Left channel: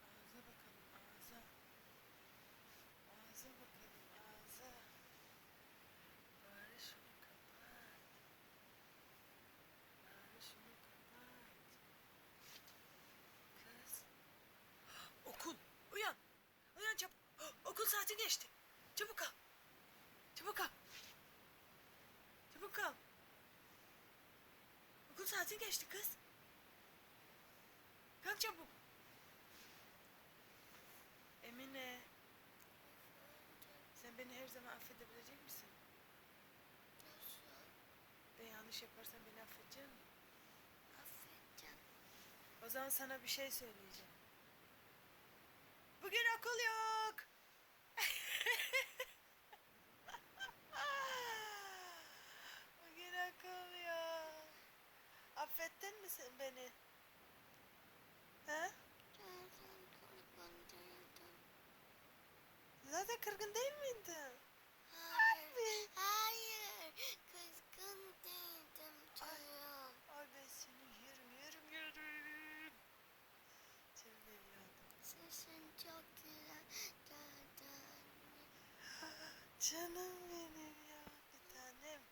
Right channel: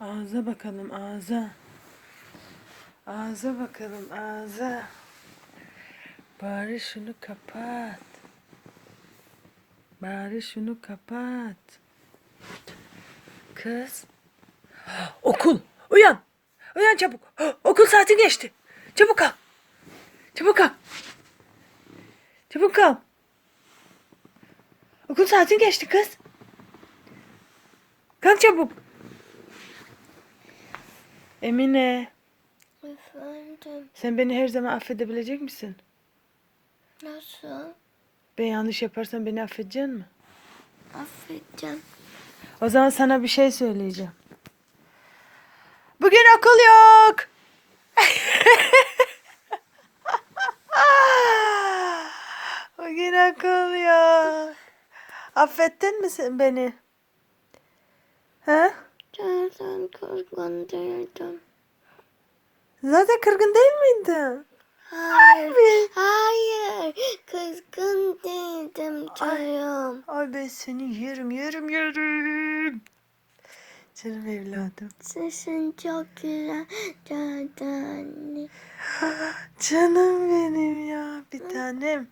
Ağza bakalım ağza. Ağza bakalım ağza. Bari şunu kapat. Bari şunu kapat. Kız. Okul. Uyan. Uyan çabuk. Okul saati geçti. Çabuk kal. Çabuk kal. Çabuk kal. Okul saati geçti kız. Kalk çabuk. Emine, Efendim sen beni her zaman affedebilecek misin? nasıl? Ben yanlış yaparsam beni affedecek mi? Affedeceğim. O zaman sana bir şey söyleyeceğim. Bugün okul yok. Bugün okul yok. Affettin mi sen beni? Ha? Değildim. Zaten kırgın değil miydin? Hayır. Harbi. Hayır. Kızgın değildim canım. Ay ben seni yerim yerim yerim. Canım evladım. Sesin çok güzel. Canım. Canım benim ya bir tanem.